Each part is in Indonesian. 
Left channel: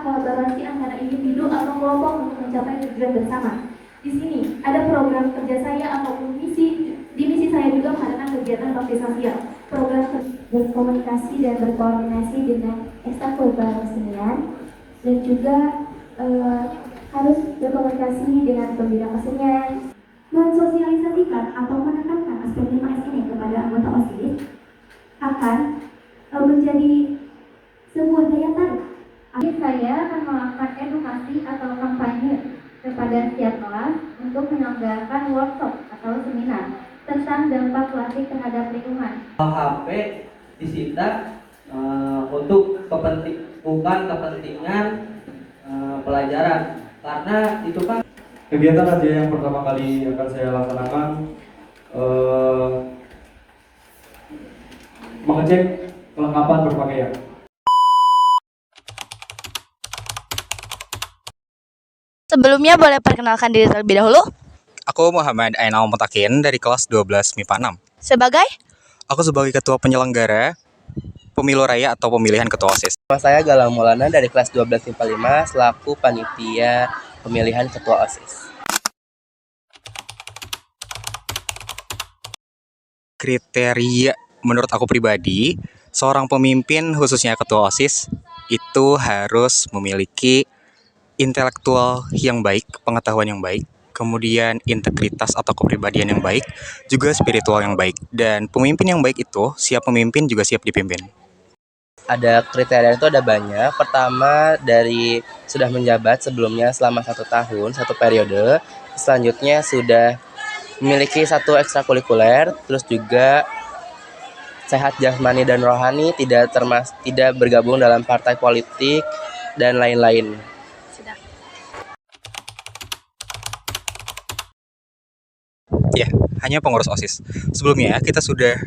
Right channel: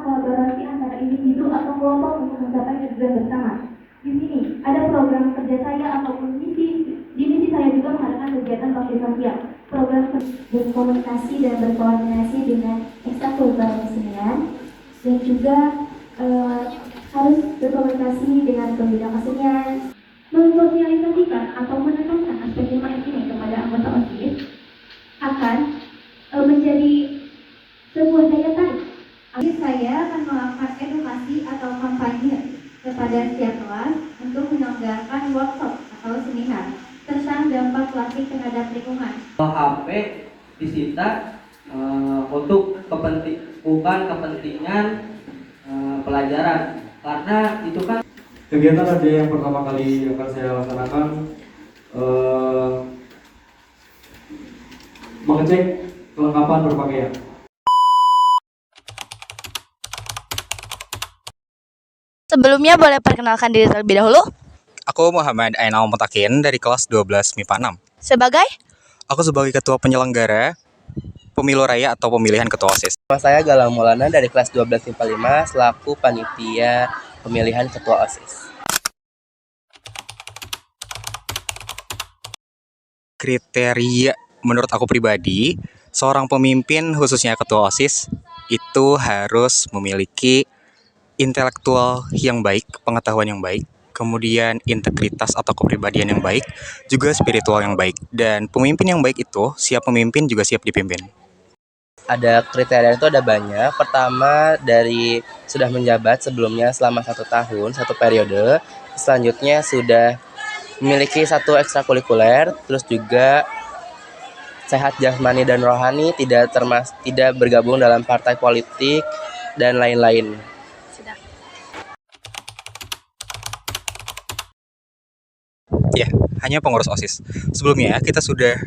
Kolaborasi antara individu atau kelompok untuk mencapai tujuan bersama. Di sini ada program kerja saya ataupun di misi saya juga mengadakan kegiatan bakti sosial. Program berkomunikasi dan berkoordinasi dengan ekstrakurikuler kesenian dan juga harus berkomunikasi dengan pembina kesenian. Mensosialisasikan atau menekankan aspek 5S ini kepada anggota OSIS akan menjadi sebuah daya tarik. Saya akan melakukan edukasi atau kampanye kepada setiap kelas untuk menyelenggarakan workshop atau seminar tentang dampak plastik terhadap lingkungan. HP disita untuk bukan kepentingan pelajaran, karena itu kan kegiatan radio yang pertama kali akan saya laksanakan mengecek kelengkapan berpakaian. Sebelumnya boleh perkenalkan diri terlebih dahulu. Aku Muhammad Ainal Mutakin dari kelas 12 MIPA 6. Sebagai? Aku sebagai ketua penyelenggara pemilu raya atau pemilihan ketua OSIS. Nama saya Galang Maulana dari kelas 12 MIPA 5 selaku panitia pemilihan ketua OSIS. Kriteria menurut aku pribadi, seorang pemimpin khususnya ketua OSIS itu harus memiliki intelektual yang baik, pengetahuan yang baik, kemudian integritas atau kepribadian yang baik, juga spiritual yang baik. Dan pemimpin yang baik itu, siap memimpin juga siap dipimpin. Ada kriteria itu ada banyak. Pertama dari sudah menjabat sebelumnya selama 1 tahun, 1 periode. Selanjutnya sudah memiliki 1 ekstrakurikuler, terus juga sehat jasmani dan rohani, tidak bergabung dalam partai politik dan lain-lain. Ya, hanya pengurus OSIS. Sebelumnya kita sudah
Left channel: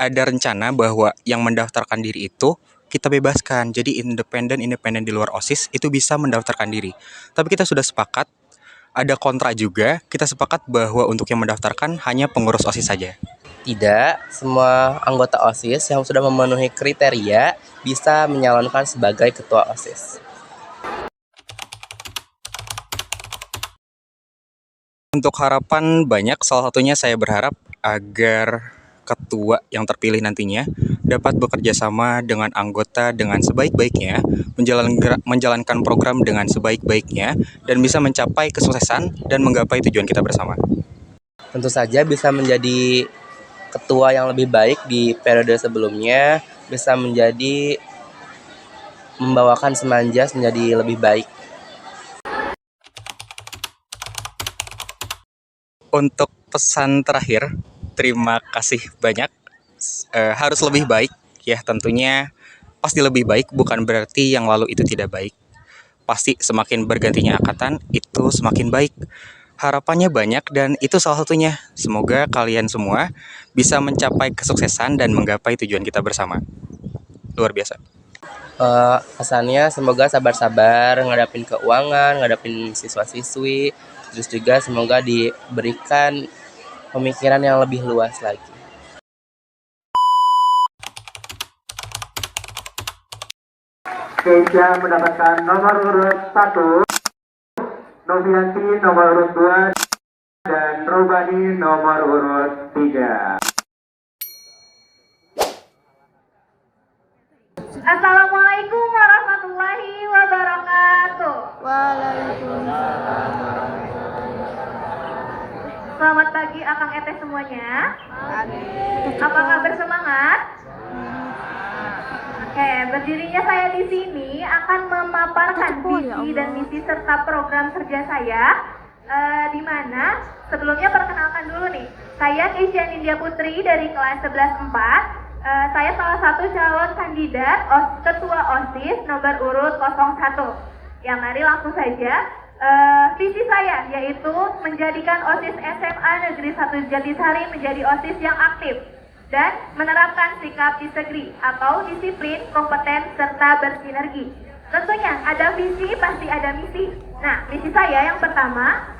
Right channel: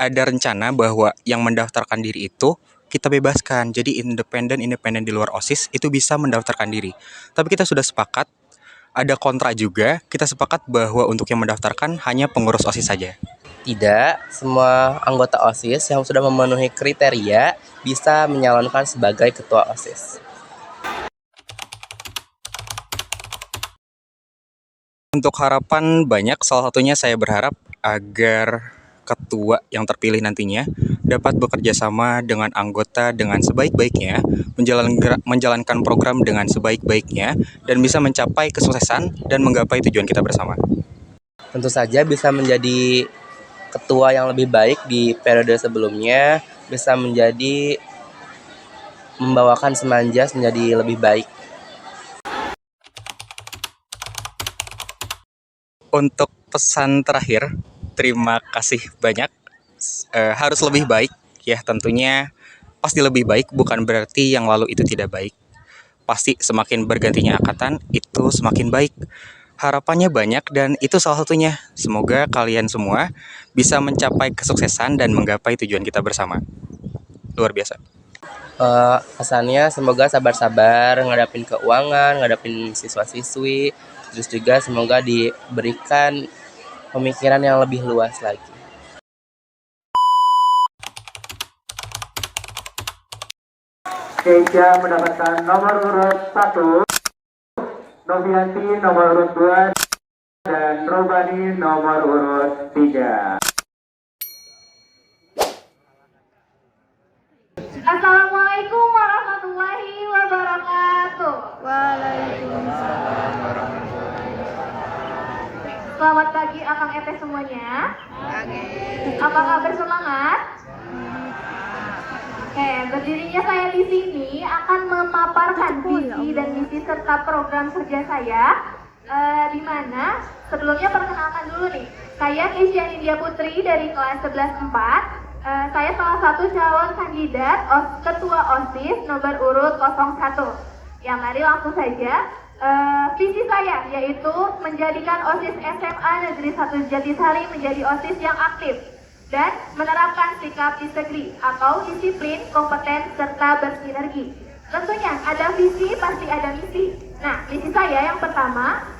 ada rencana bahwa yang mendaftarkan diri itu kita bebaskan. Jadi independen di luar OSIS itu bisa mendaftarkan diri. Tapi kita sudah sepakat, ada kontra juga, kita sepakat bahwa untuk yang mendaftarkan hanya pengurus OSIS saja. Tidak, semua anggota OSIS yang sudah memenuhi kriteria bisa menyalonkan sebagai ketua OSIS. Untuk harapan banyak, salah satunya saya berharap agar ketua yang terpilih nantinya dapat bekerja sama dengan anggota dengan sebaik-baiknya, menjalankan program dengan sebaik-baiknya, dan bisa mencapai kesuksesan dan menggapai tujuan kita bersama. Tentu saja bisa menjadi ketua yang lebih baik di periode sebelumnya, bisa membawakan Semanjas menjadi lebih baik. Untuk pesan terakhir, terima kasih banyak. Harus lebih baik, ya tentunya pasti lebih baik, bukan berarti yang lalu itu tidak baik. Pasti semakin bergantinya angkatan, itu semakin baik. Harapannya banyak dan itu salah satunya. Semoga kalian semua bisa mencapai kesuksesan dan menggapai tujuan kita bersama. Luar biasa. Pesannya semoga sabar-sabar ngadapin keuangan, ngadapin siswa-siswi, terus juga semoga diberikan pemikiran yang lebih luas lagi. Keisha mendapatkan nomor urut 1, Novianti nomor urut 2, dan Robani nomor urut 3. Assalamualaikum warahmatullahi wabarakatuh. Waalaikumsalam. Selamat pagi Akang Ete semuanya. Apa kabar, semangat? Oke, berdirinya saya di sini akan memaparkan visi dan misi serta program kerja saya. Di mana sebelumnya perkenalkan dulu nih. Saya Keisha India Putri dari kelas 11-4. Saya salah satu calon kandidat ketua OSIS nomor urut 01. Yang mari langsung saja. Visi saya yaitu menjadikan OSIS SMA Negeri 1 Jatisari menjadi OSIS yang aktif dan menerapkan sikap integri atau disiplin, kompeten, serta bersinergi. Tentunya ada visi pasti ada misi. Nah, misi saya yang pertama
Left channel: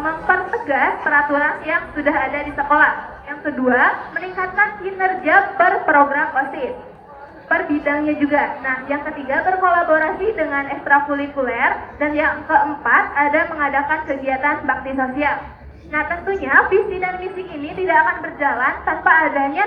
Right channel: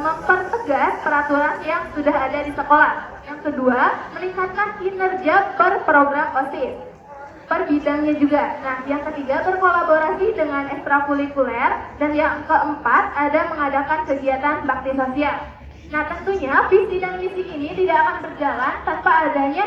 mempertegas peraturan yang sudah ada di sekolah. Yang kedua, meningkatkan kinerja per program OSIS, per bidangnya juga. Nah, yang ketiga, berkolaborasi dengan ekstrakurikuler. Dan yang keempat, ada mengadakan kegiatan bakti sosial. Nah, tentunya visi dan misi ini tidak akan berjalan tanpa adanya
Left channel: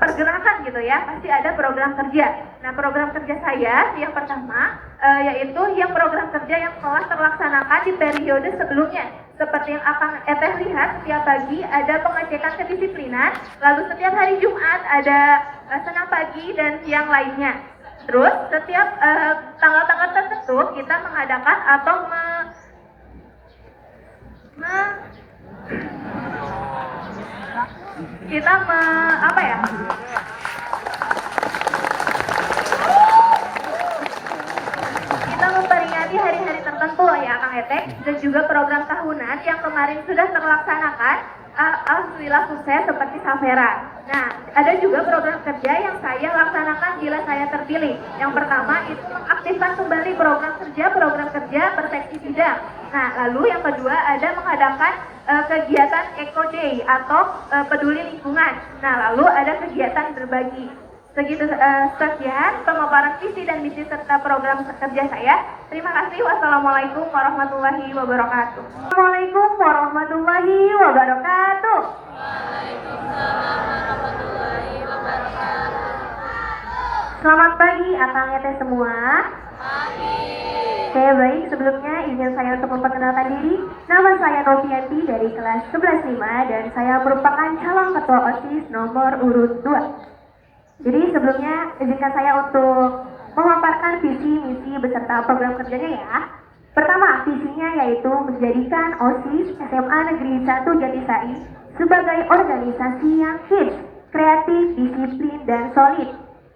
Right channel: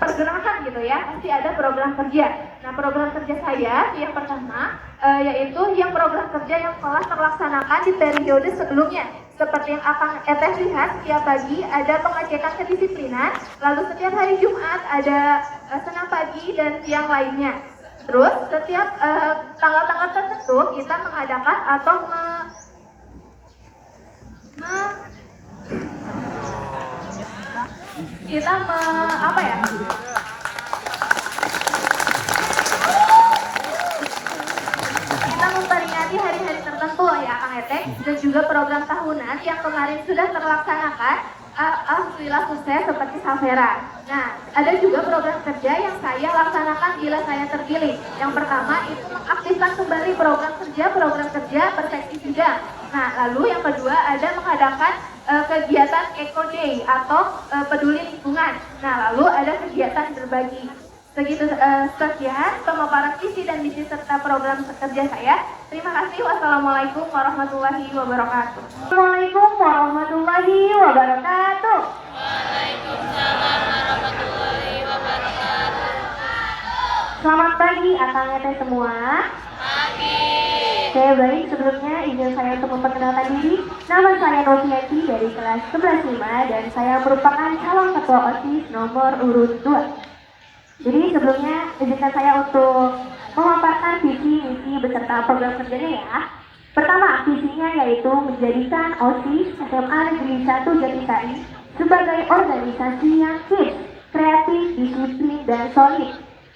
pergerakan gitu ya, pasti ada program kerja. Nah, program kerja saya yang pertama yaitu yang program kerja yang telah terlaksanakan di periode sebelumnya. Seperti yang akan lihat, setiap pagi ada pengecekan kedisiplinan, lalu setiap hari Jumat ada senam pagi dan siang lainnya. Terus setiap tanggal-tanggal tertentu kita mengadakan atau kita memperingati hari-hari tertentu ya Kang Etek, dan juga program tahunan yang kemarin sudah terlaksanakan. Alhamdulillah sukses seperti Safera. Nah, ada juga program kerja yang saya laksanakan bila saya terpilih. Yang pertama itu mengaktifkan kembali program kerja perspektif bidang. Nah, lalu yang kedua ada mengadakan kegiatan Eco Day atau peduli lingkungan. Nah, lalu ada kegiatan berbagi. Sekian pemaparan visi dan misi serta program kerja saya. Terima kasih. Wassalamualaikum warahmatullahi wabarakatuh. Assalamualaikum warahmatullahi wabarakatuh. Waalaikumsalam warahmatullahi wabarakatuh. Selamat pagi akang-ete semua. Pagi. Saya baik, sebelumnya izin saya untuk memperkenalkan diri. Nama saya Novianti dari kelas 11.5 dan saya merupakan calon ketua OSIS nomor urut 2. Jadi sebelumnya izinkan saya untuk memaparkan visi, misi beserta program kerjanya ya. Pertama, visinya yaitu menjadikan OSIS SMA Negeri 1 Jatisari sebagai organisasi yang hits, kreatif, disiplin, dan solid.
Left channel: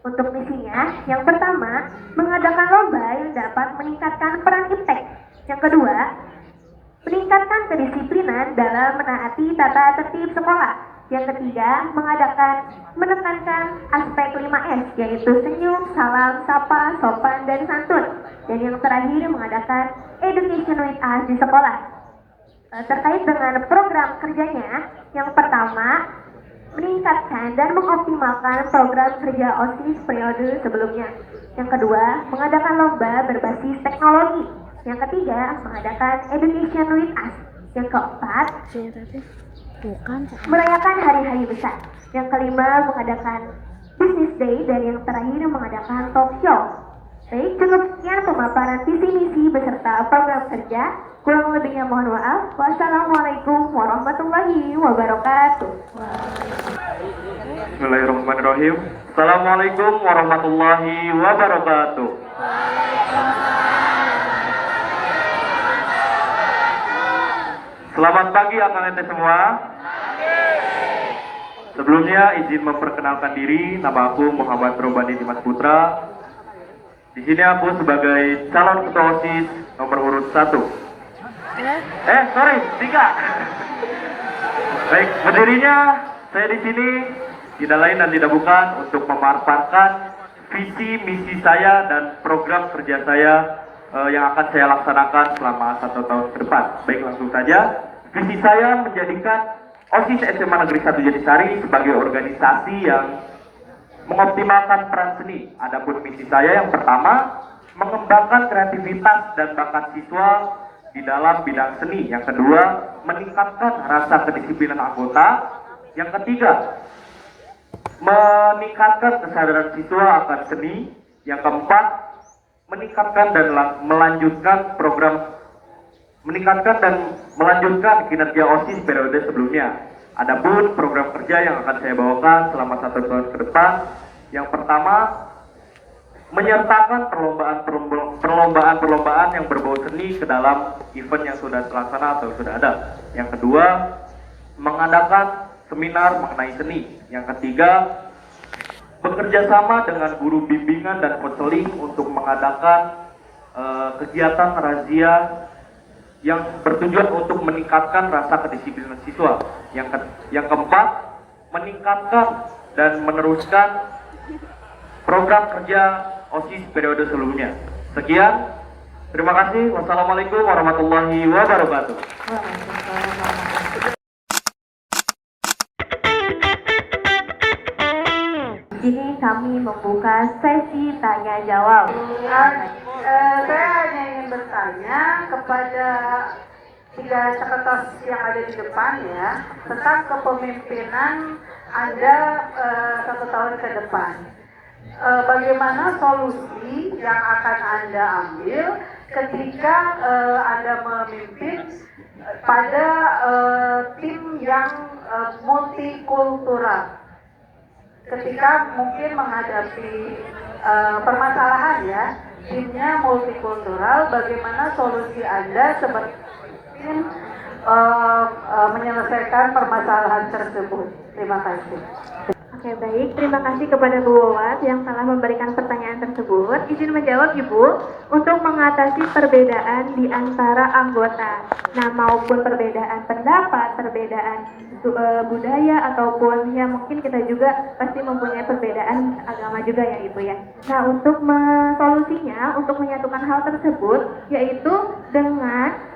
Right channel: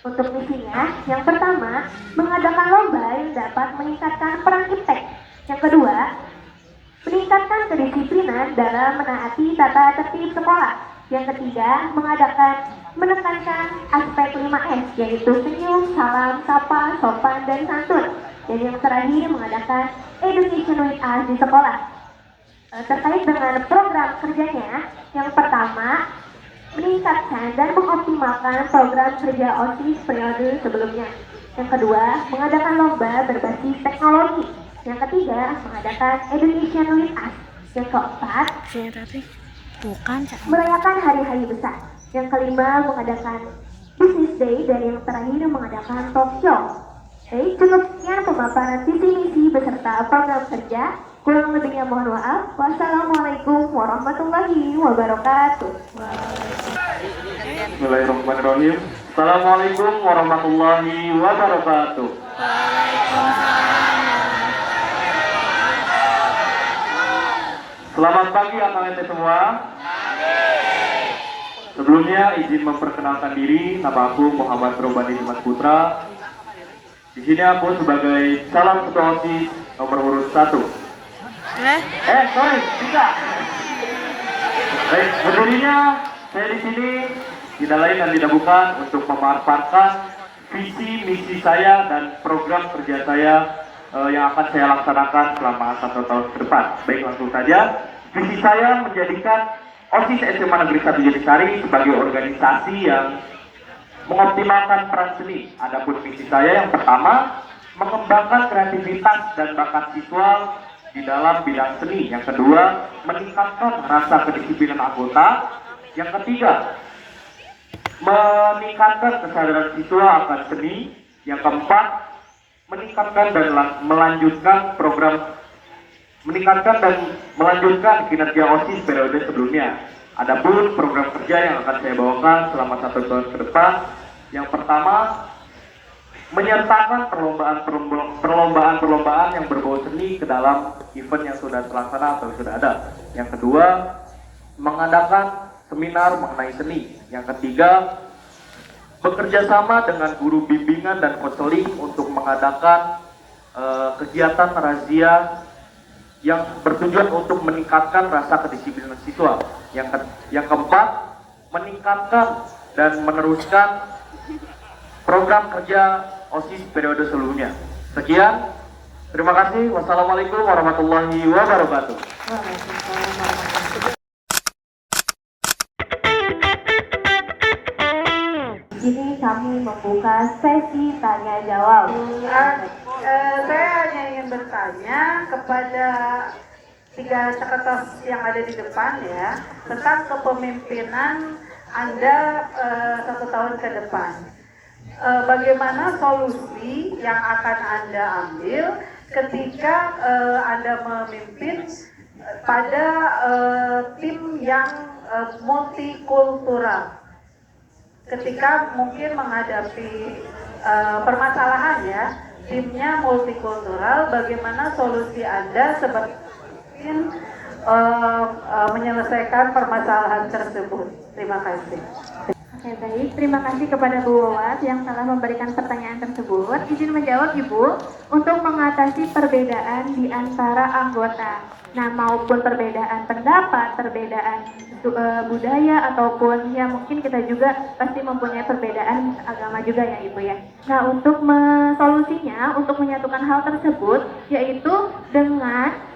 Untuk misinya, yang pertama, mengadakan lomba yang dapat meningkatkan peran iptek. Yang kedua, meningkatkan kedisiplinan dalam menaati tata tertib sekolah. Yang ketiga, menekankan aspek 5S, yaitu senyum, salam, sapa, sopan, dan santun. Dan yang terakhir, mengadakan education with us di sekolah. Terkait dengan program kerjanya, yang pertama, meningkatkan dan mengoptimalkan program kerja OSIS periode sebelumnya. Yang kedua, mengadakan lomba berbasis teknologi. Yang ketiga, mengadakan education with us. Yang keempat, merayakan hari-hari besar. Yang kelima, mengadakan business day. Dan yang terakhir, mengadakan talk show. Baik, cukup sekian pemaparan visi misi beserta program kerja. Kurang lebihnya mohon maaf. Wassalamualaikum warahmatullahi wabarakatuh. Bismillahirrahmanirrahim. Assalamualaikum warahmatullahi wabarakatuh. Selamat pagi akang-ente semua. Sebelumnya izin memperkenalkan diri, nama aku Muhammad Robani Dimas Putra. Di sini aku sebagai calon ketua OSIS nomor urut 1. 3. Baik, berdirinya saya di sini tidak lain dan tidak bukan untuk memaparkan visi misi saya dan program kerja saya yang akan saya laksanakan selama 1 tahun ke depan. Baik, langsung saja. Visi saya menjadikan OSIS SMA Negeri 1 Jatisari sebagai organisasi yang mengoptimalkan peran seni. Adapun misi saya yang pertama, mengembangkan kreativitas dan bakat siswa di dalam bidang seni. Yang kedua, meningkatkan rasa kedisiplinan anggota. Yang ketiga, meningkatkan kesadaran siswa akan seni. Yang keempat, meningkatkan dan melanjutkan kinerja OSIS periode sebelumnya. Adapun program kerja yang akan saya bawakan selama 1 tahun ke depan, yang pertama, menyertakan perlombaan yang berbau seni ke dalam event yang sudah terlaksana atau sudah ada. Yang kedua, mengadakan seminar mengenai seni. Yang ketiga, bekerja sama dengan guru bimbingan dan konseling untuk mengadakan kegiatan razia yang bertujuan untuk meningkatkan rasa kedisiplinan siswa. Yang keempat, meningkatkan dan meneruskan program kerja OSIS periode sebelumnya. Sekian, Terima kasih. Wassalamualaikum warahmatullahi wabarakatuh. Ini kami membuka sesi tanya jawab. Saya hanya ingin bertanya kepada tiga sekretariat yang ada di depan ya tentang kepemimpinan Anda 1 tahun ke depan. Bagaimana solusi yang akan Anda ambil ketika Anda memimpin pada tim yang multikultural? Ketika mungkin menghadapi permasalahan ya, timnya multikultural, bagaimana solusi Anda sebagai tim menyelesaikan permasalahan tersebut? Terima kasih. Oke, baik. Terima kasih kepada Bu Wawat yang telah memberikan pertanyaan tersebut. Izin menjawab, Ibu, untuk mengatasi perbedaan di antara anggota, nah maupun perbedaan pendapat, perbedaan budaya, ataupun ya mungkin kita juga pasti mempunyai perbedaan agama juga ya Ibu ya. Nah, untuk solusinya, untuk menyatukan hal tersebut, yaitu dengan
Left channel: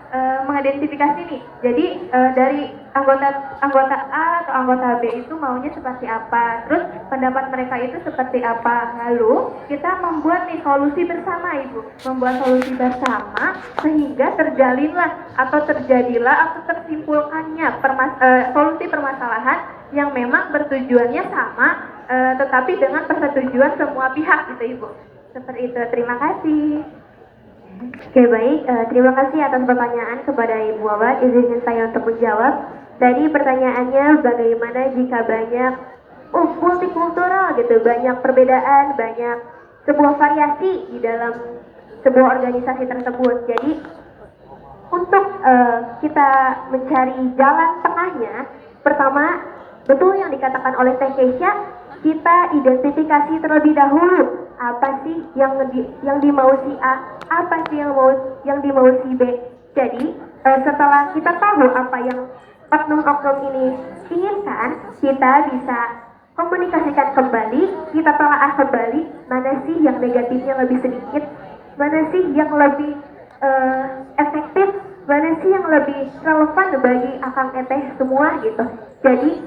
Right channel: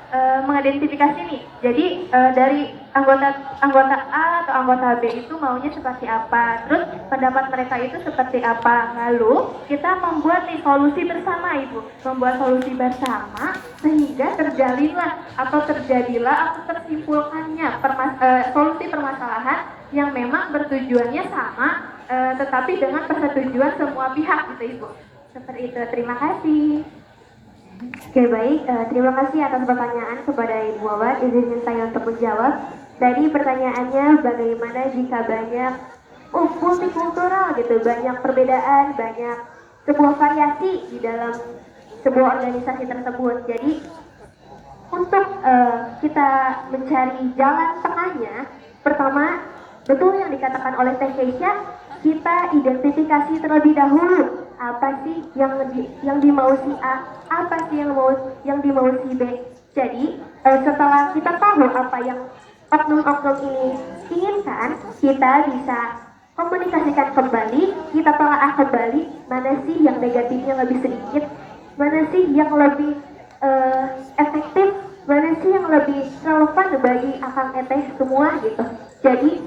mengidentifikasi nih. Jadi dari anggota A atau anggota B itu maunya seperti apa, terus pendapat mereka itu seperti apa. Lalu kita membuat nih solusi bersama Ibu, membuat solusi bersama sehingga terjalinlah atau terjadilah atau tersimpulkannya solusi permasalahan yang memang bertujuannya sama, tetapi dengan persetujuan semua pihak gitu Ibu. Seperti itu. Terima kasih. Oke, baik, terima kasih atas pertanyaan kepada Ibu Wawat. Izinkan saya untuk menjawab. Tadi pertanyaannya bagaimana jika banyak multikultural gitu, banyak perbedaan, banyak sebuah variasi di dalam sebuah organisasi tersebut. Jadi untuk kita mencari jalan tengahnya, pertama betul yang dikatakan oleh Teh Keisha, kita identifikasi terlebih dahulu apa sih yang dimau si A, apa sih yang dimau si B. Jadi setelah kita tahu apa yang oknum-oknum ini inginkan, kita bisa komunikasikan kembali, kita telaah kembali mana sih yang negatifnya lebih sedikit, mana sih yang lebih efektif, mana sih yang lebih relevan bagi akang eteh semua gitu. Jadi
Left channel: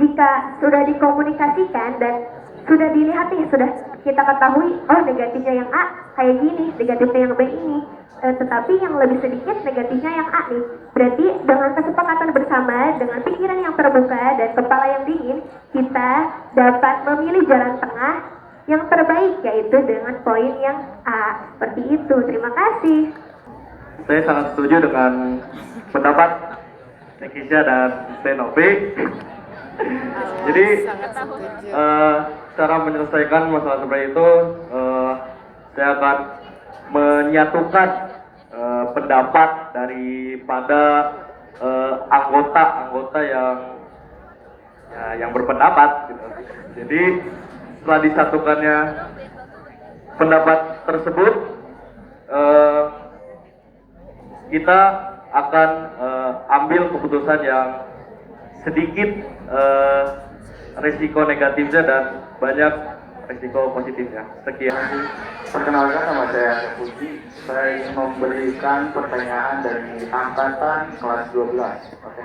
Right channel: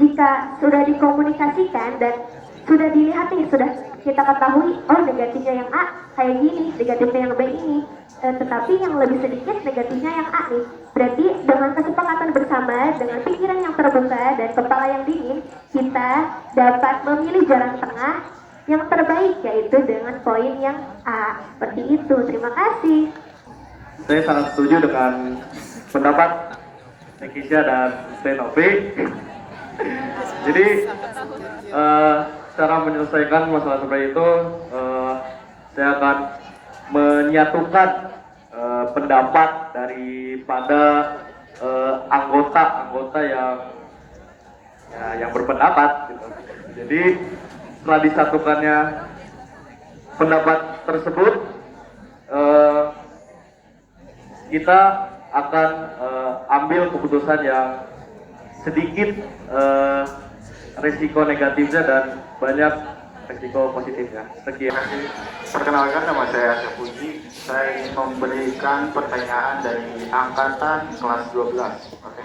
jika sudah dikomunikasikan dan sudah dilihat nih, sudah kita ketahui, oh negatifnya yang A kayak gini, negatifnya yang B ini, tetapi yang lebih sedikit negatifnya yang A nih. Berarti dengan kesepakatan bersama, dengan pikiran yang terbuka dan kepala yang dingin, kita dapat memilih jalan tengah yang terbaik, yaitu dengan poin yang A. Seperti itu. Terima kasih. Saya sangat setuju dengan pendapat Nekisha dan Benopi. Jadi cara menyelesaikan masalah seperti itu, saya akan menyatukan pendapat daripada anggota-anggota yang berpendapat gitu. Jadi setelah disatukannya pendapat tersebut, kita akan ambil keputusan yang sedikit risiko negatifnya dan banyak risiko positifnya. Sekian. Perkenalkan, nama saya Puji. Saya ingin memberikan pertanyaan dari angkatan kelas 12. Oke.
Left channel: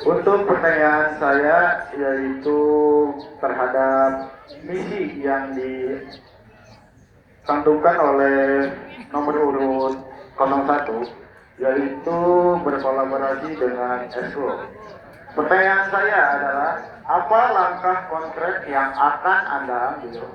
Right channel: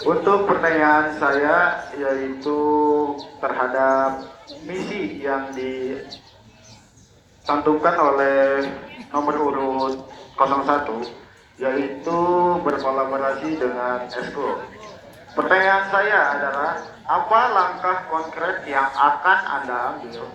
Untuk pertanyaan saya yaitu terhadap misi yang dicantumkan oleh nomor urut 01, yaitu berkolaborasi dengan Esko. Pertanyaan saya adalah, apa langkah konkret yang akan Anda ambil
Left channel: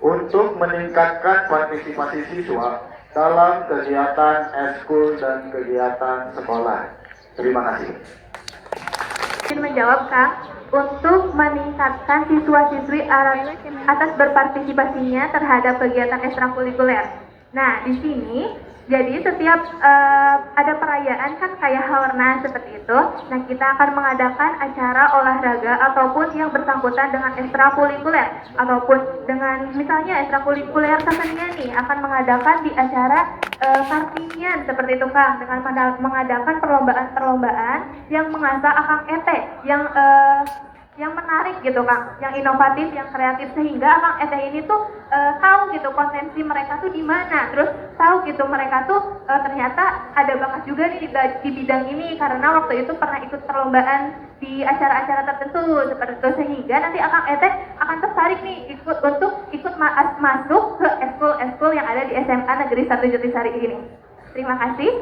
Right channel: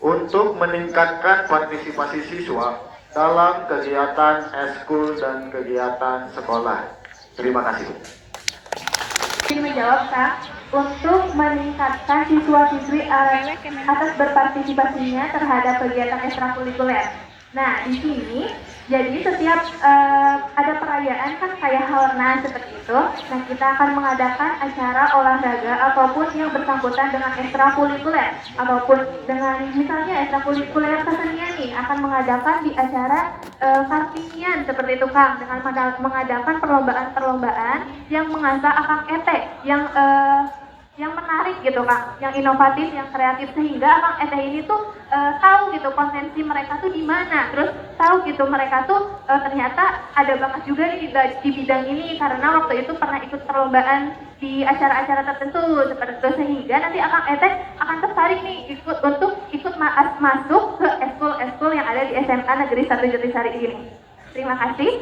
untuk meningkatkan partisipasi siswa dalam kegiatan eskul dan kegiatan sekolah? Terima kasih. Ingin menjawab, Kak, untuk meningkatkan siswa-siswi atas berpartisipasinya terhadap kegiatan ekstrakurikuler. Nah, di sini jadi setiap ada perayaan kan kayak Haornas seperti itu. Nah, kita akan mengadakan acara olahraga ataupun yang bersangkutan dengan ekstrakurikuler, ataupun dengan misalnya ekstrakurikuler kesenian nih akan mengadakan di acara Kartinian seperti itu, Kang, dengan mengadakan perlombaan-perlombaan yang mengasah akang etek, yang menarik menarik gitu Kang, yang inovatif, yang kreatif, sehingga Kang Eteh ini tuh tahu gitu potensi mereka tuh di mana, terus tahu gitu mereka tuh ternyata ada bakat juga nih di bidang ini karena waktu itu pernah ikut perlombaan di acara-acara tertentu seperti itu, sehingga nanti Kang Eteh akan tertarik nih ikut masuk ke eskul yang ada di SMA Negeri 1 Jatisari ini. Terima kasih.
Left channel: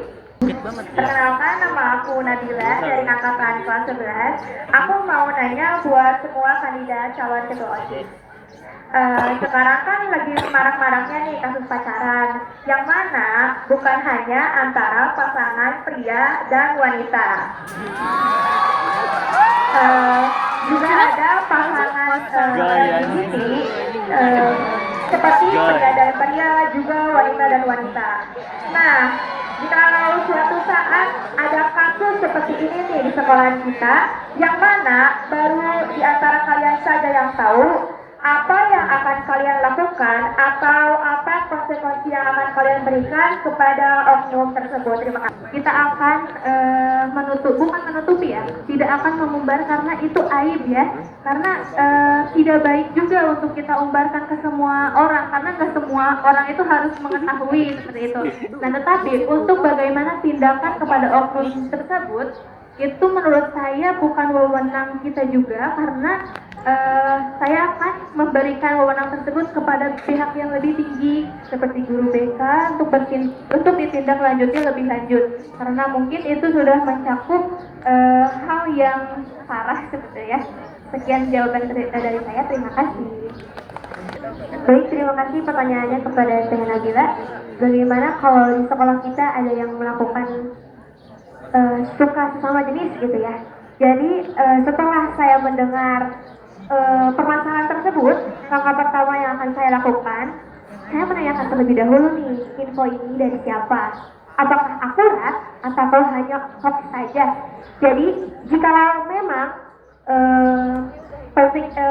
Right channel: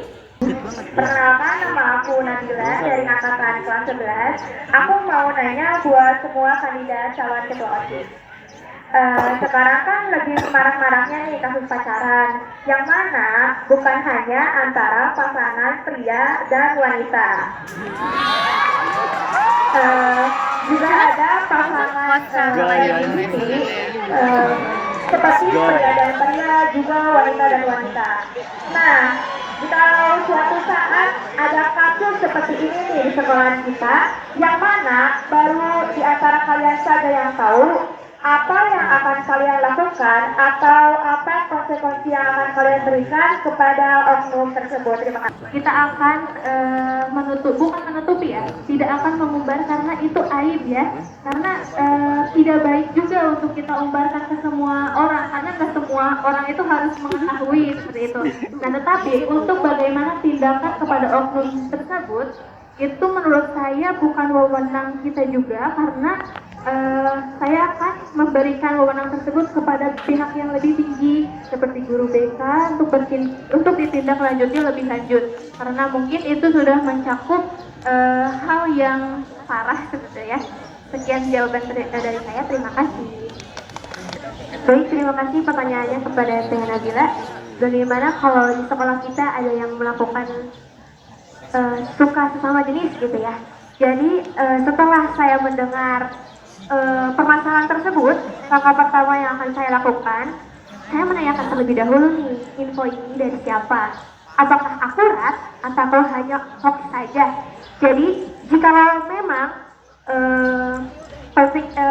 Perkenalkan, nama aku Nabila dari angkatan kelas 11. Aku mau nanya buat semua kandidat calon ketua OSIS. Sekarang kan lagi marak-maraknya nih kasus pacaran, yang mana bukan hanya antara pasangan pria dan wanita. Juga ada pasangan LGBT, seperti pria dan pria, juga wanita dan wanita. Nah, kalau suatu saat ada kasus seperti ini nih di sekolah kita, yang mana baru di antara kalian saja yang tahu, apa yang akan kalian lakukan atau apa konsekuensi yang akan kalian berikan kepada oknum tersebut? Terima kasih. Kita akan bukan menutupi ya, tidak akan mengumbar karena itu aib ya, karena tidak baik juga untuk kita umbarkan ke semua orang, karena nggak semua orang itu harus mengetahui seperti itu. Nah, tetapi untuk bagaimana tindakan kepada oknum tersebut, itu menurut saya bukan wewenang kita juga, karena saya akan memberikan wewenang tersebut kepada pihak yang lebih tinggi seperti guru BK untuk ditindaklanjutnya lebih lanjut, karena mungkin itu sudah mencakup hal yang parah seperti ya. Sekian jawaban dari saya, terima kasih. Baik, terima kasih pertanyaannya kepada Teh Nabila. Bagaimana kalau di sekolah kita ada yang melakukan suka sesama jenis gitu ya. Jadi setelah saya mendengar permasalahan tersebut, langkah pertama yang akan saya lakukan, saya menanyakan terlebih dahulu nih, info ini dari siapa, apakah akurat atau hanya hoax saja. Jadi jikalau memang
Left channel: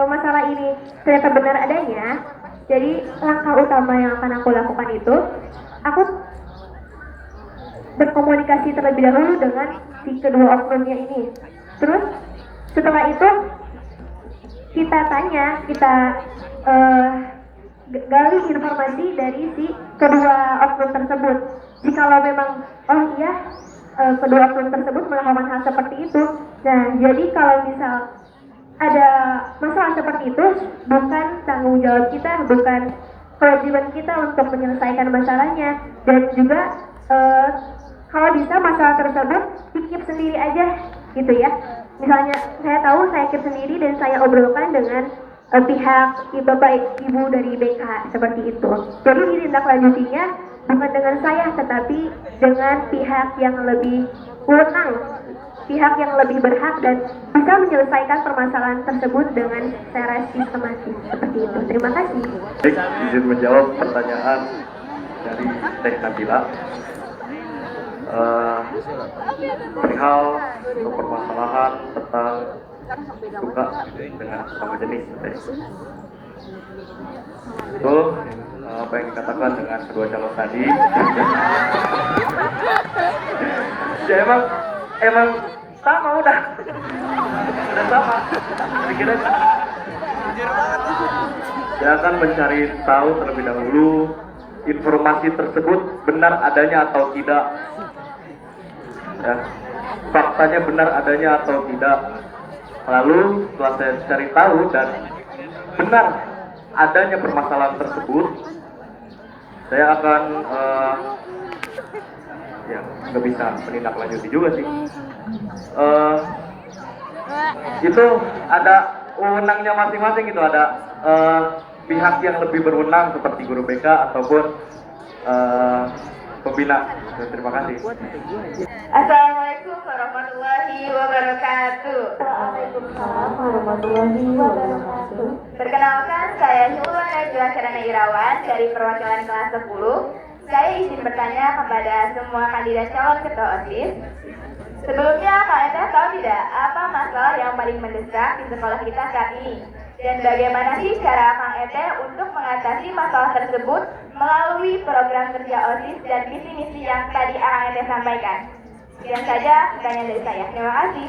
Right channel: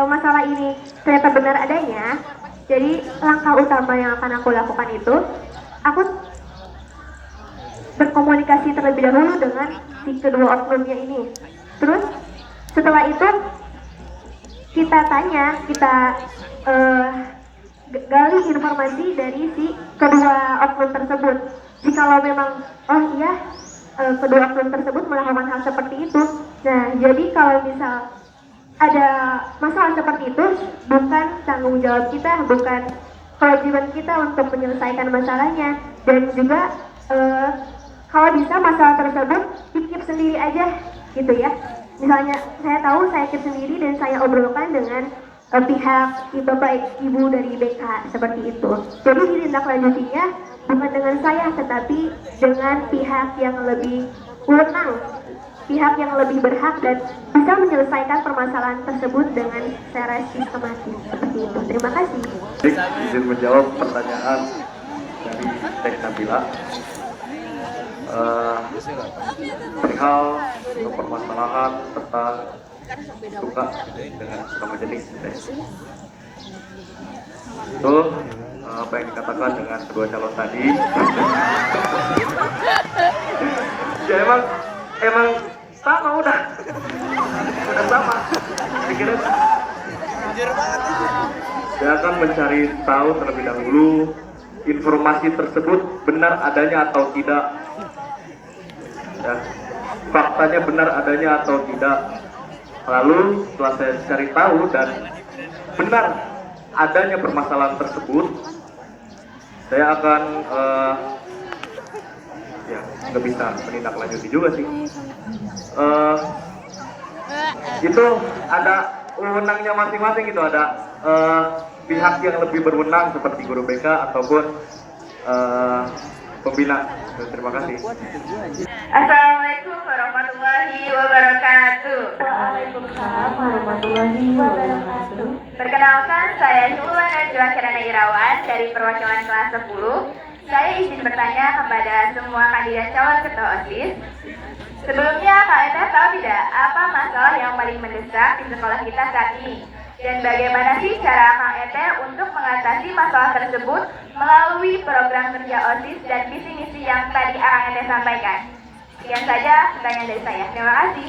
masalah ini ternyata benar adanya, jadi langkah utama yang akan aku lakukan itu, aku berkomunikasi terlebih dahulu dengan si kedua oknumnya ini. Terus setelah itu kita tanya, kita gali informasi dari si kedua oknum tersebut. Jikalau memang kedua oknum tersebut melakukan hal seperti itu, nah jadi kalau misal ada masalah seperti itu, bukan tanggung jawab kita, bukan kewajiban kita untuk menyelesaikan masalahnya, dan juga kalau bisa masalah tersebut dikip sendiri aja gitu ya. Misalnya saya tahu saya keep sendiri dan saya obrolkan dengan pihak Bapak Ibu dari BK seperti itu. Jadi ditindaklanjutinya bukan dengan saya, tetapi dengan pihak yang lebih wewenang, pihak yang lebih berhak dan bisa menyelesaikan permasalahan tersebut dengan secara sistematis seperti itu. Terima kasih. Izin menjawab pertanyaan dari Teh Nabila. Perihal untuk permasalahan tentang suka dengan sesama jenis, itu apa yang dikatakan dengan kedua calon tadi. Ya emang sama udah sama. Saya akan mencari tahu terlebih dahulu informasi tersebut benar adanya atau tidak. Ya, faktanya benar adanya atau tidak. Lalu setelah saya cari tahu dan benar adanya permasalahan tersebut, saya akan nggak bisa menindaklanjuti juga sih. Itu ada wewenangnya masing-masing, itu ada pihak yang lebih berwenang seperti guru BK ataupun pembina. Terima kasih. Assalamualaikum warahmatullahi wabarakatuh. Waalaikumsalam warahmatullahi wabarakatuh. Perkenalkan, saya Nurul Kirana Irawan dari perwakilan kelas 10. Saya izin bertanya kepada semua kandidat calon ketua OSIS. Sebelumnya, Kak Eta tahu tidak apa masalah yang paling mendesak di sekolah kita saat ini? Dan bagaimana sih cara Kak Eta untuk mengatasi masalah tersebut melalui program kerja OSIS dan misi-misi yang tadi Kak Eta sampaikan? Sekian saja pertanyaan dari saya. Terima kasih.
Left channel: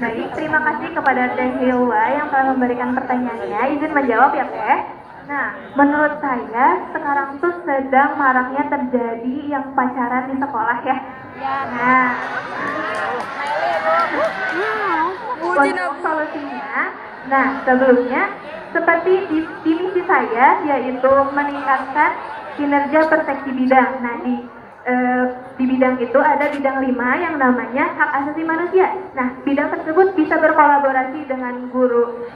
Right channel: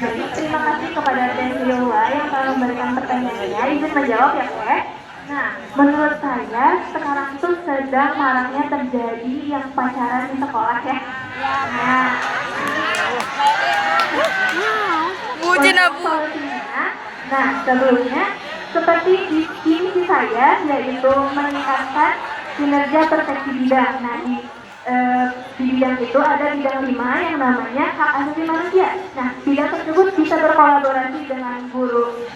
Baik, terima kasih kepada Teh Hilwa yang telah memberikan pertanyaannya. Izin menjawab ya Teh. Nah, menurut saya sekarang tuh sedang maraknya terjadi yang pacaran di sekolah ya. Nah, untuk solusinya, nah sebelumnya seperti di misi saya yaitu meningkatkan kinerja perseksi bidang. Nah di bidang itu ada bidang 5 yang namanya hak asasi manusia. Nah bidang tersebut bisa berkolaborasi dengan guru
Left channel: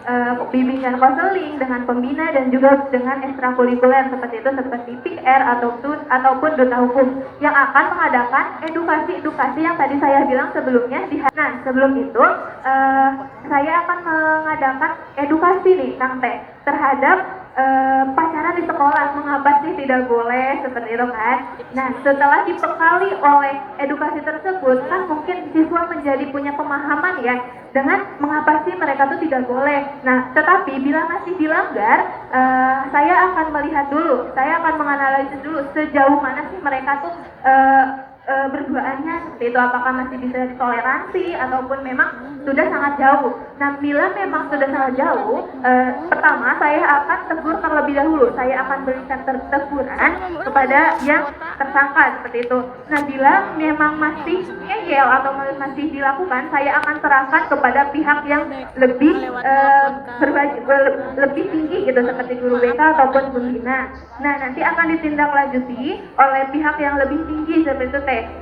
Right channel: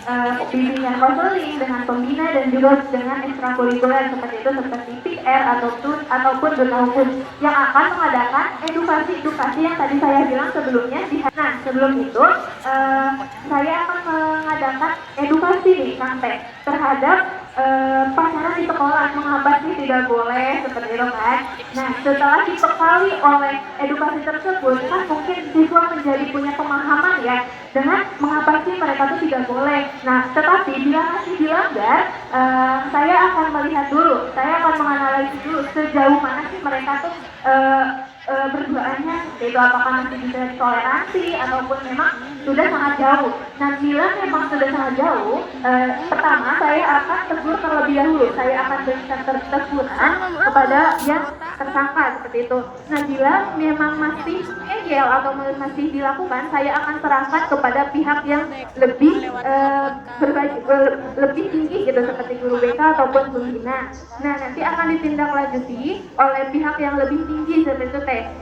bimbingan konseling, dengan pembina dan juga dengan ekstrakurikuler seperti itu seperti PR ataupun duta hukum yang akan mengadakan edukasi yang tadi saya bilang sebelumnya. Nah sebelum itu saya akan mengadakan edukasi nih Kang Teh terhadap pacaran di sekolah, mengapa sih tidak boleh seperti itu kan. Nah setelah dibekali oleh edukasi tersebut kan mungkin siswa menjadi punya pemahaman ya dengan mengapa sih mereka tuh tidak boleh. Nah tetapi bila masih dilanggar, saya akan melihat dulu, saya akan menganalisis dulu sejauh mana sih mereka tuh berduaannya, itu apakah masih bisa toleransi ataupun memang sudah sangat jauh. Nah bila memang sudah sangat jauh, pertama saya akan tegur terlebih dahulu, saya akan berikan teguran kepada yang tersangka seperti itu. Nah bila memang masih ngeyel atau masih dilakukan, saya akan serahkan kepada pihak yang lebih tinggi gitu seperti guru BK ataupun pembina. Nah nanti akan ditindaklanjuti oleh pihak yang lebih tinggi seperti itu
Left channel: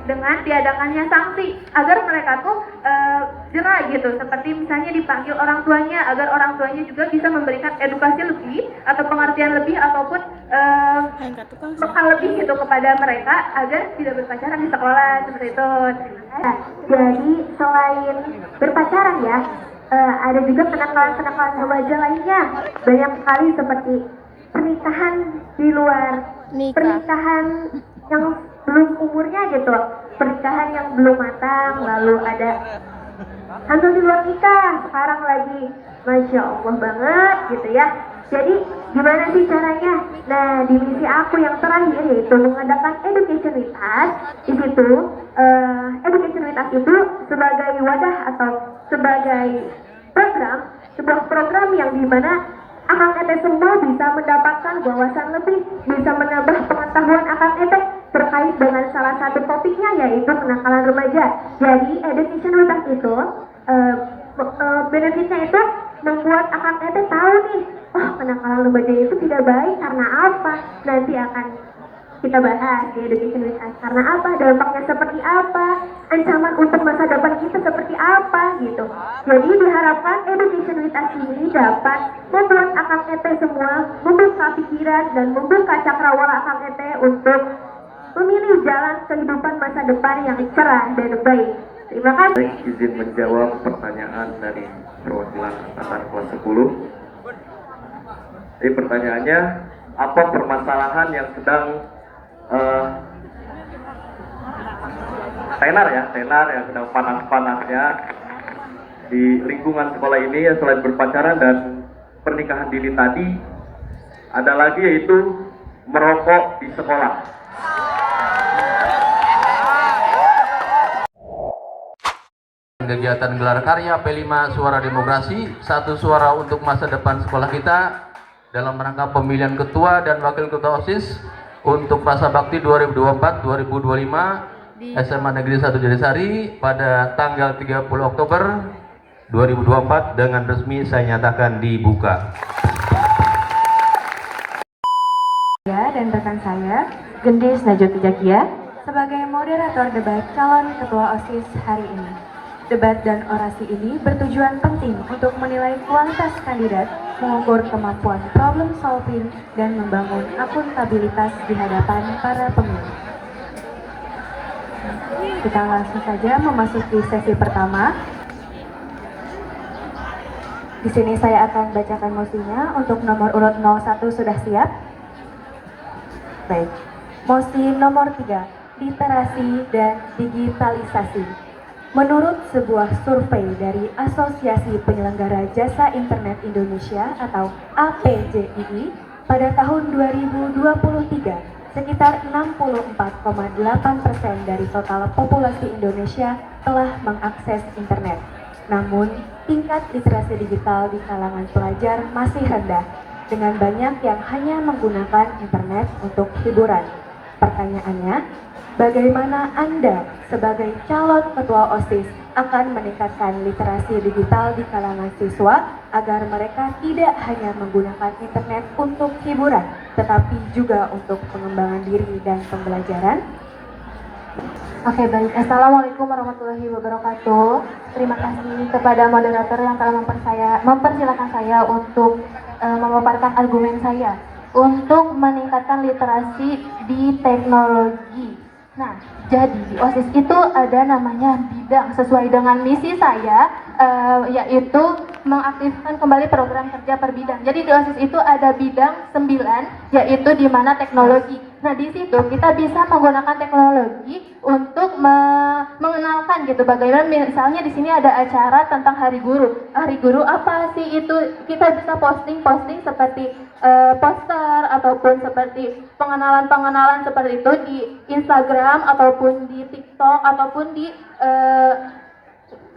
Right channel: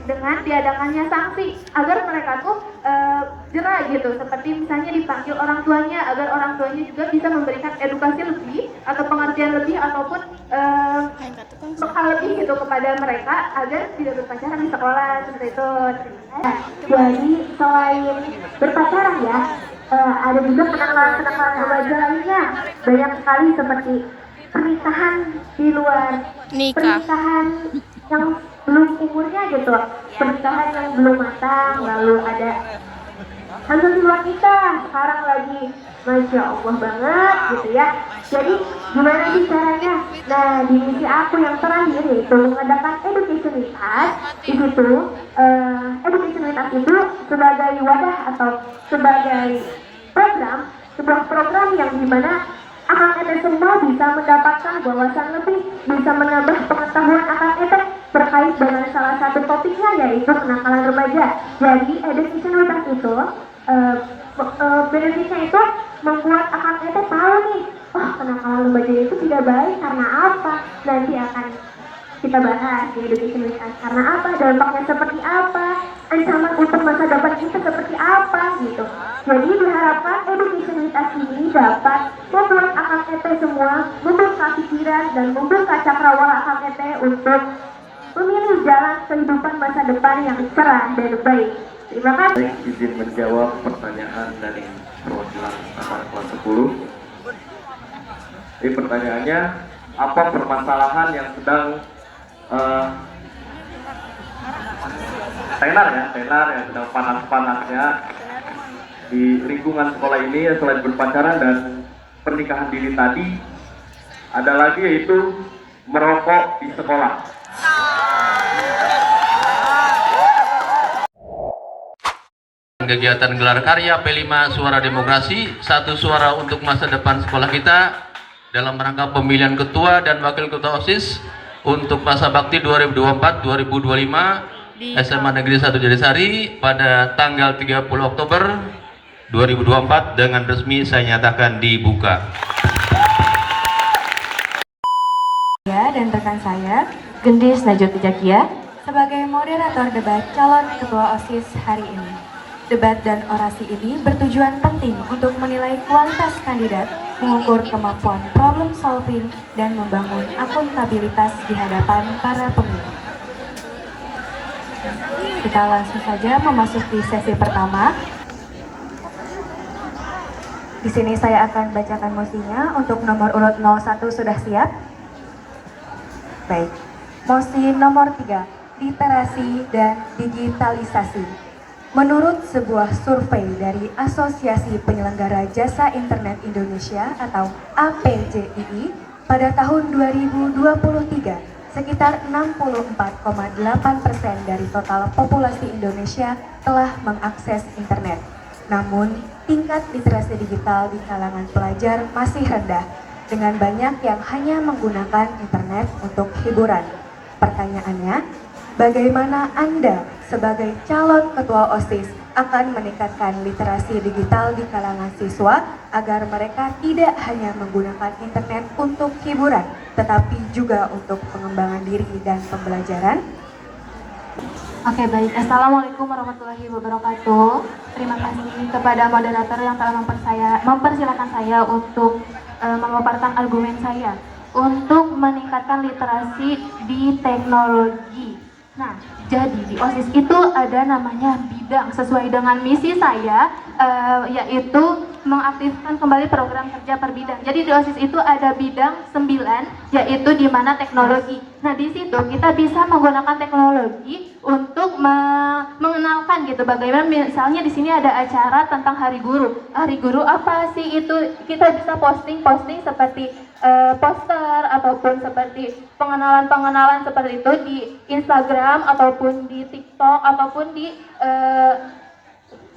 dengan diadakannya sanksi agar mereka tuh jerah gitu, seperti misalnya dipanggil orang tuanya agar orang tuanya juga bisa memberikan edukasi lebih atau pengertian lebih ataupun bekal lebih gitu kepada mereka agar tidak berpacaran di sekolah seperti itu. Nah, jadi selain berpacaran ya, ada juga kenakalan-kenakalan remaja lainnya banyak sekali seperti pernikahan di luar pernikahan yang belum umurnya gitu, pernikahan yang belum matang, lalu ada hamil di luar nikah sekarang lagi, Masya Allah banget gitu ya. Jadi gimana sih caranya? Nah di misi aku yang terakhir yaitu mengadakan education with us. Di situ education with us itu sebagai wadah atau sebagai sebuah program yang dimana Akang Ete semua bisa mendapatkan wawasan lebih, bisa menambah pengetahuan Akang Ete terkait dengan salah satu topiknya yaitu kenakalan remaja. Jadi education with us itu benefitnya itu membuat Akang Ete tahu nih, oh kenakalan remaja itu tidak baik karena apa. Nanti akan kita bahas di education with us karena apa, dampaknya seperti apa, ancaman untuk masa depan kita seperti apa gitu. Jadi diharapkan education with us ini dapat membuat Akang Ete semua membuka pikiran dan membuka cakrawala Akang Ete untuk memilih jalan kehidupan masa depan yang cerah dan baik. Terima kasih. Izin menjawab pertanyaan dari perwakilan angkatan kelas 10. Jadi pertanyaannya, apa permasalahan yang sedang tenar yang sedang panas-panasnya di lingkungan sekolah ini ya, selain berpacaran dan pernikahan dini tadi, ada lagi yaitu merokok di sekolah. Kegiatan gelar karya P5 Suara Demokrasi, satu suara untuk masa depan sekolah kita dalam rangka pemilihan ketua dan wakil ketua OSIS untuk masa bakti 2024-2025 SMA Negeri 1 Jatiyasari pada tanggal 30 Oktober 2024 dengan resmi saya nyatakan dibuka. Saya dan rekan saya, Gendis Najwa Jakia, sebagai moderator debat calon ketua OSIS hari ini. Debat dan orasi ini bertujuan penting untuk menilai kualitas kandidat, mengukur kemampuan problem solving, dan membangun akuntabilitas di hadapan para pemilih. Kita langsung saja memasuki sesi pertama. Di sini saya akan bacakan mosinya. Untuk nomor urut 01 sudah siap? Baik. Mosi nomor 3, literasi dan digitalisasi. Menurut sebuah survei dari Asosiasi Penyelenggara Jasa Internet Indonesia atau APJII, pada tahun 2023, sekitar 64,8% dari total populasi Indonesia telah mengakses internet. Namun, tingkat literasi digital di kalangan pelajar masih rendah, dengan banyak yang hanya menggunakan internet untuk hiburan. Pertanyaannya, bagaimana Anda sebagai calon ketua OSIS akan meningkatkan literasi digital di kalangan siswa agar mereka tidak hanya menggunakan internet untuk hiburan, tetapi juga untuk pengembangan diri dan pembelajaran? Oke, baik. Assalamualaikum warahmatullahi wabarakatuh. Terima kasih kepada moderator yang telah mempersilakan saya untuk memaparkan argumen saya untuk meningkatkan literasi di teknologi. Nah, jadi di OSIS itu ada namanya bidang sesuai dengan misi saya, yaitu mengaktifkan kembali program kerja per bidang. Jadi di OSIS itu ada bidang 9, yaitu di mana teknologi. Nah, di situ kita bisa menggunakan teknologi untuk mengenalkan gitu. Bagaimana misalnya di sini ada acara tentang Hari Guru. Hari Guru apa sih itu? Kita bisa posting seperti poster ataupun seperti pengenalan seperti itu di Instagram ataupun di TikTok ataupun di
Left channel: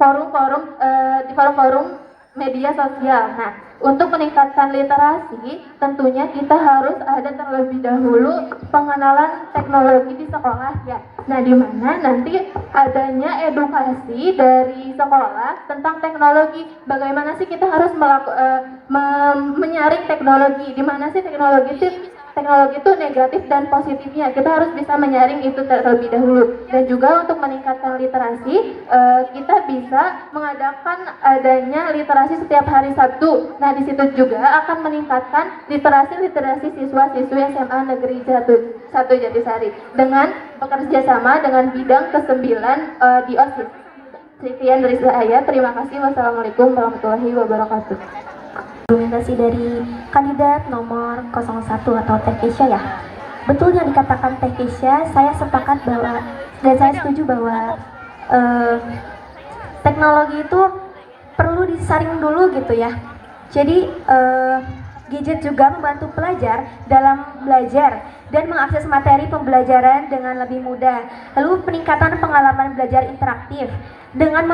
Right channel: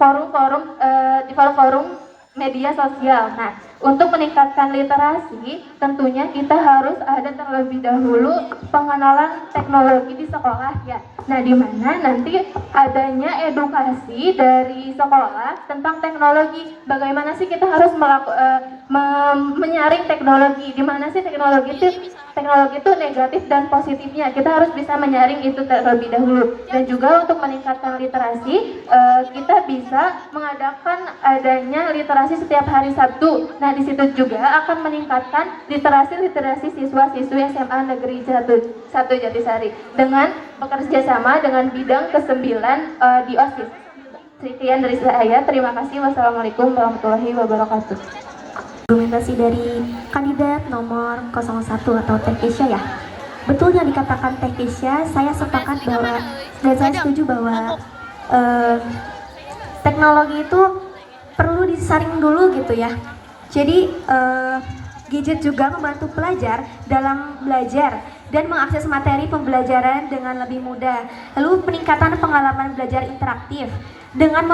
forum-forum media sosial. Nah, untuk meningkatkan literasi, tentunya kita harus ada terlebih dahulu pengenalan teknologi di sekolah ya. Nah, di mana nanti adanya edukasi dari sekolah tentang teknologi. Bagaimana sih kita harus menyaring teknologi? Di mana sih teknologi itu negatif dan positifnya? Kita harus bisa menyaring itu terlebih dahulu. Dan juga untuk meningkatkan literasi, kita bisa mengadakan adanya literasi setiap hari Sabtu. Nah, di situ juga akan meningkatkan literasi siswa-siswi SMA Negeri 1 Jatisari dengan bekerja sama dengan bidang ke-9 di OSIS. Sekian dari saya. Terima kasih. Wassalamualaikum warahmatullahi wabarakatuh. Argumentasi dari kandidat nomor 01 atau Tekisha ya. Betul yang dikatakan Tekisha, saya sepakat bahwa dan saya setuju bahwa teknologi itu perlu disaring dulu gitu ya. Jadi gadget juga membantu pelajar dalam belajar dan mengakses materi pembelajaran dengan lebih mudah. Lalu peningkatan pengalaman belajar interaktif. Dengan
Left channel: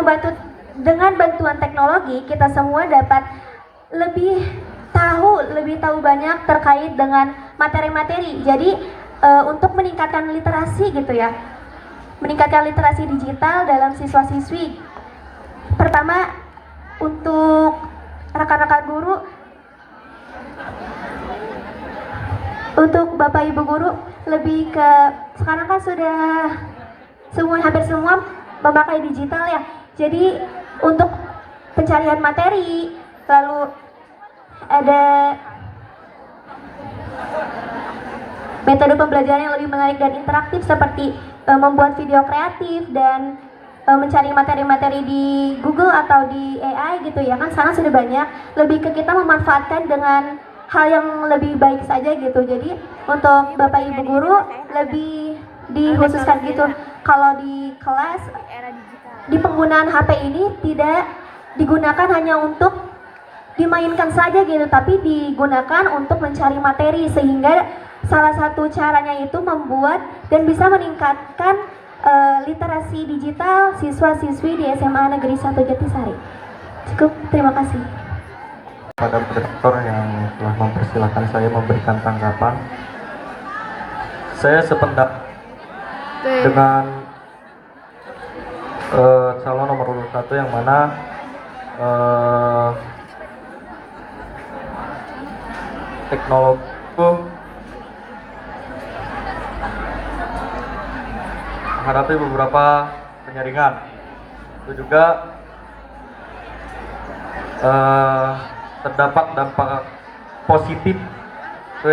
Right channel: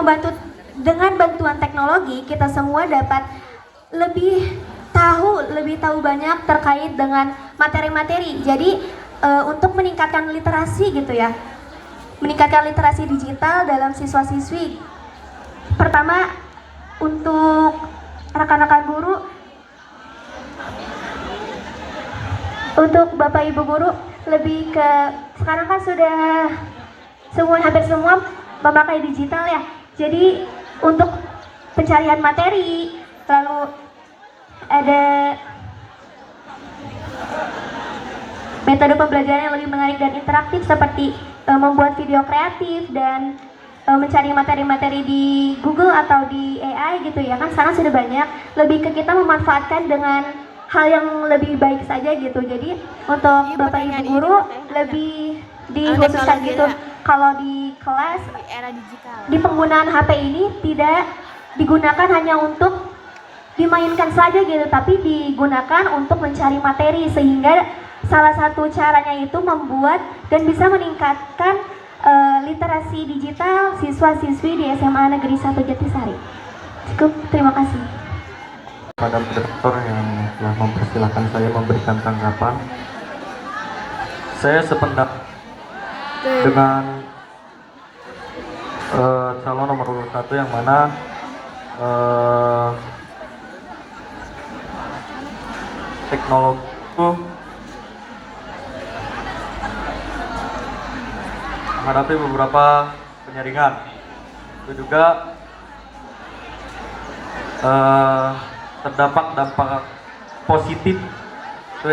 bantuan teknologi, kita semua dapat lebih tahu banyak terkait dengan materi-materi. Jadi untuk meningkatkan literasi gitu ya. Meningkatkan literasi digital dalam siswa-siswi. Pertama, untuk rekan-rekan guru, untuk Bapak Ibu guru, lebih ke sekarang kan sudah hampir semua memakai digital ya. Jadi untuk pencarian materi, lalu ada metode pembelajaran yang lebih menarik dan interaktif seperti membuat video kreatif dan mencari materi-materi di Google atau di AI gitu ya, kan sekarang sudah banyak. Lebih ke kita memanfaatkan dengan hal yang lebih baik saja gitu. Jadi untuk Bapak Ibu guru lebih dikhususkan gitu. Kalau di kelas, di penggunaan HP ini tidak digunakan hanya untuk dimainkan saja gitu, tapi digunakan untuk mencari materi, sehingga salah satu caranya itu membuat dan bisa meningkatkan literasi digital siswa-siswi di SMA Negeri 1 Jatisari. Cukup, terima kasih. Pada moderator yang telah mempersilahkan saya memberikan tanggapan, saya sependapat dengan calon nomor 1 yang mana teknologi menghadapi beberapa penyaringan. Itu juga terdapat dampak positif. Itu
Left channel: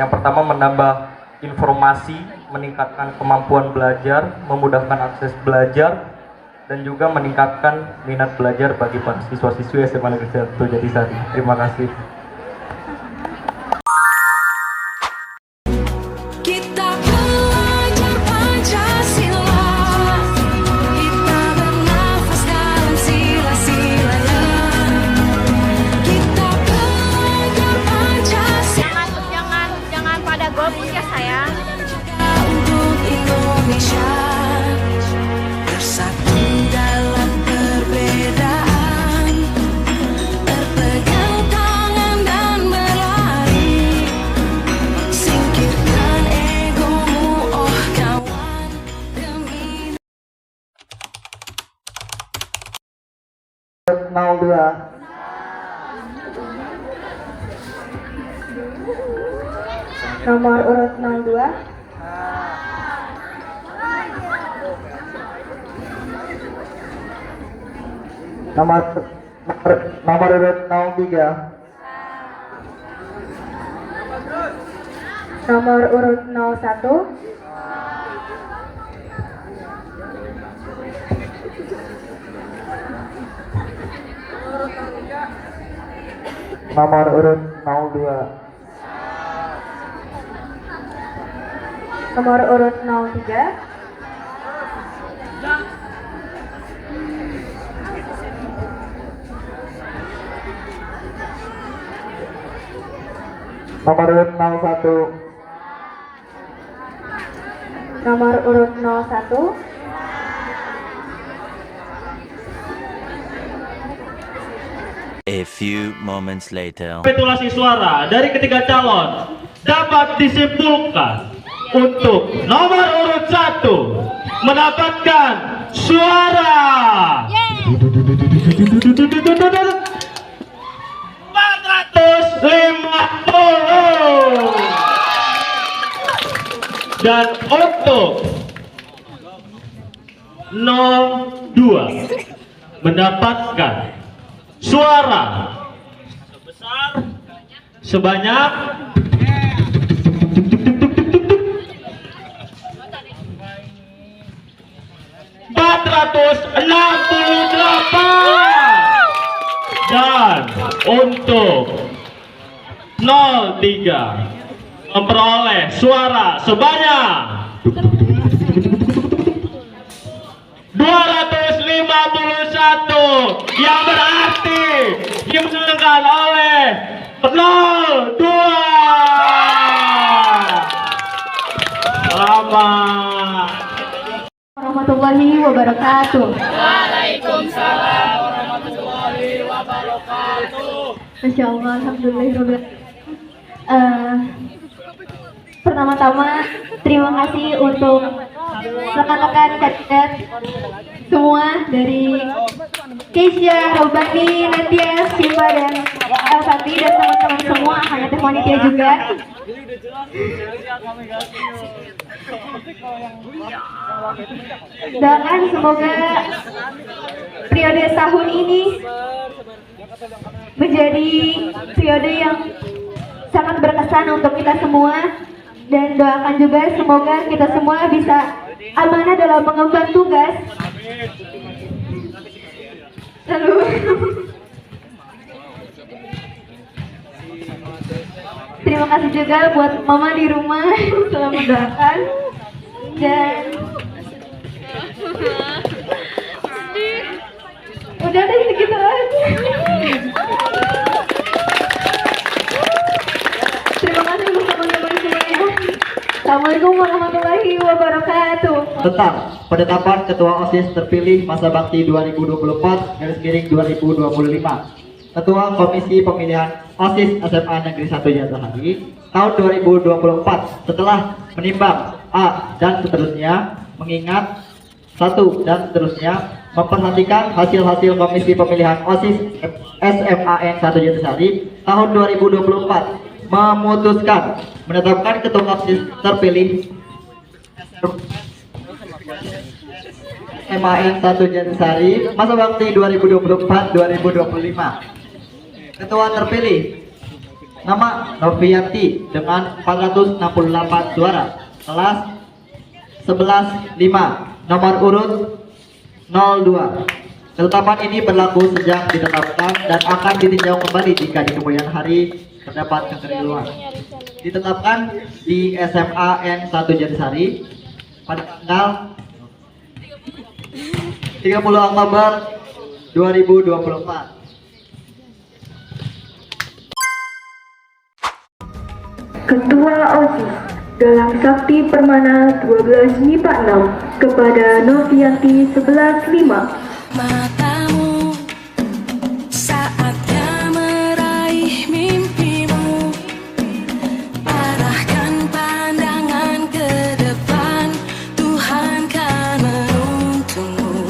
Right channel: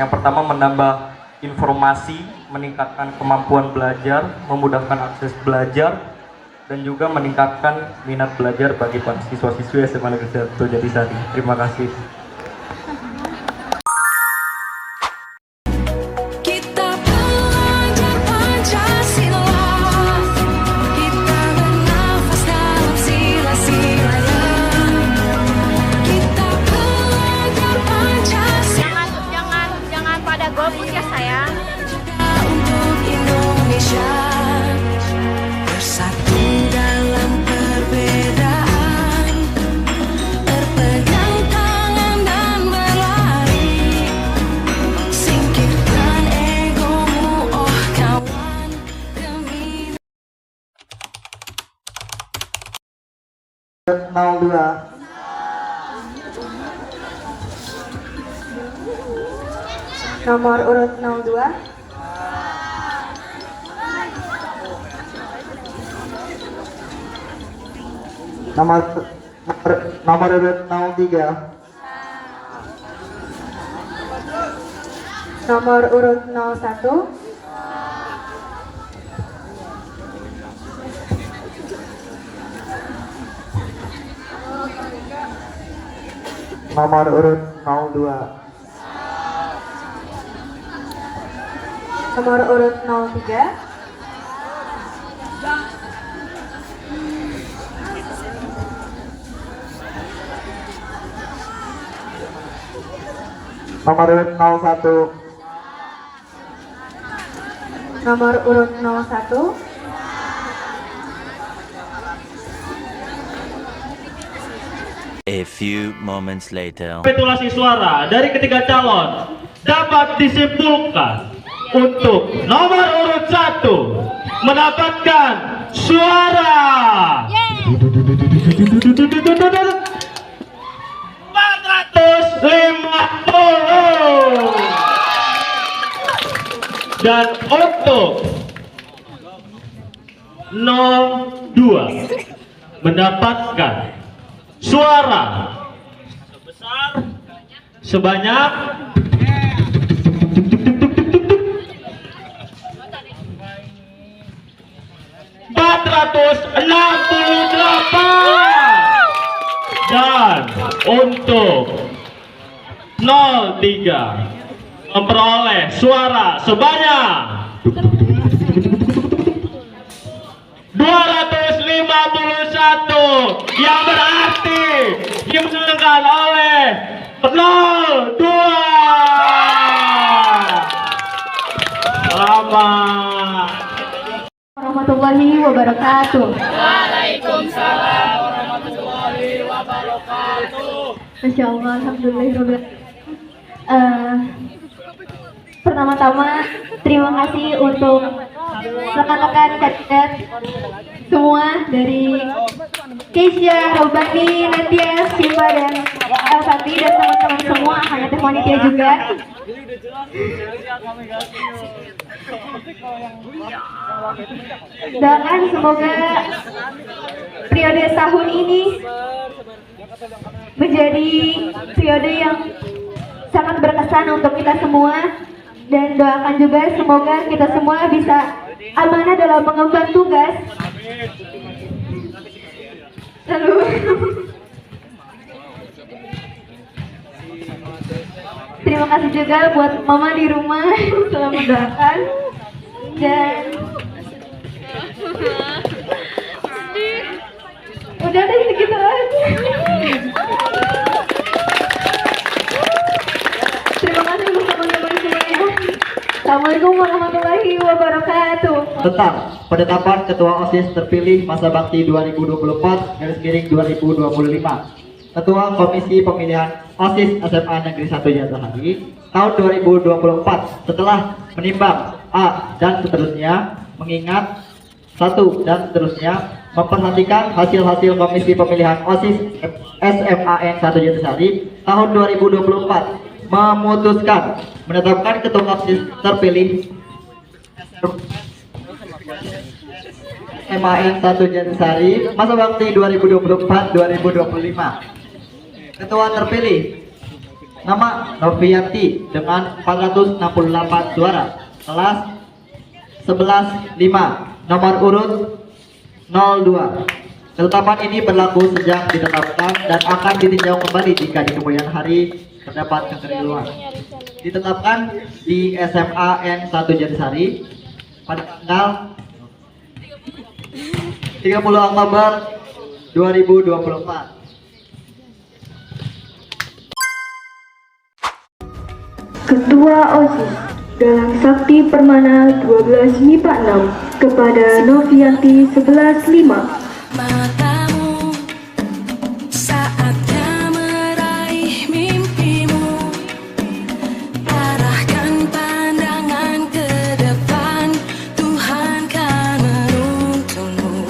yang pertama, menambah informasi, meningkatkan kemampuan belajar, memudahkan akses belajar, dan juga meningkatkan minat belajar bagi para siswa-siswi SMA Negeri 1 Jatisari. Terima kasih. Jangan pada golput ya sayang. 02. Nomor urut 02. Nomor urut 03. Nomor urut 01. Nomor urut 02. Nomor urut 03. Nomor urut 01. Nomor urut 01. A few moments later. Rekapitulasi suara dari ketiga calon dapat disimpulkan untuk nomor urut 1 mendapatkan suara 450 dan untuk 02 mendapatkan suara sebanyak 468 dan untuk 03 memperoleh suara sebanyak 251 yang berarti dimenangkan oleh 02. Selamat warahmatullahi wabarakatuh. Waalaikumsalam warahmatullahi wabarakatuh. Masya Allah, alhamdulillah. Pertama-tama terima kasih untuk rekan-rekan kandidat semua dari Keisha, Robani, Nadia, Siva, dan Elfati dan teman-teman semua, hanya panitia juga. Doakan semoga periode tahun ini menjadi periode yang sangat berkesan untuk kita semua, dan doakan juga semoga kita semua bisa amanah dalam mengemban tugas. Lalu terima kasih juga buat mama di rumah telah mendoakan, dan udah deh segitu aja. Terima kasih untuk teman-teman semuanya. Assalamualaikum warahmatullahi wabarakatuh. Tentang penetapan Ketua OSIS terpilih masa bakti 2024/2025. Ketua Komisi Pemilihan OSIS SMA Negeri 1 Jatahari tahun 2024 setelah menimbang A dan seterusnya, mengingat 1 dan seterusnya, memperhatikan hasil-hasil Komisi Pemilihan OSIS SMAN 1 Jatahari tahun 2024, memutuskan menetapkan Ketua OSIS terpilih SMAN 1 Jatahari masa bakti 2024-2025. Ketua terpilih nama Novianti dengan 468 suara, kelas 11-5, nomor urut 02. Ketetapan ini berlaku sejak ditetapkan dan akan ditinjau kembali jika di kemudian hari terdapat kekeliruan. Ditetapkan di SMAN 1 Jatahari pada tanggal 30 Oktober 2024. Ketua OSIS Galang Sakti Permana 12 MIPA 6 kepada Novianti 11-5. Matamu saatnya meraih mimpimu, arahkan pandangan ke depan, Tuhan kan menuntunmu.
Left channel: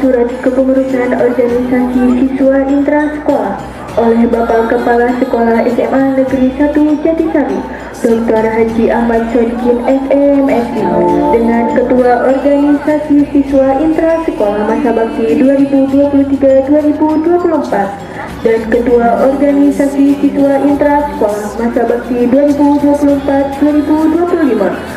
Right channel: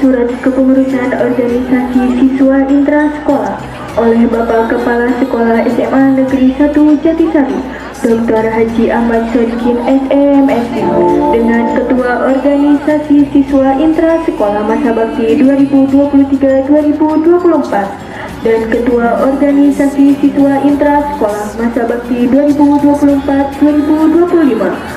surat kepengurusan organisasi siswa intrasekolah oleh Bapak Kepala Sekolah SMA Negeri 1 Jatisari, Dr. Haji Ahmad Sodikin SMSI, dengan Ketua Organisasi Siswa Intrasekolah Masa Bakti 2023-2024 dan Ketua Organisasi Siswa Intrasekolah Masa Bakti 2024-2025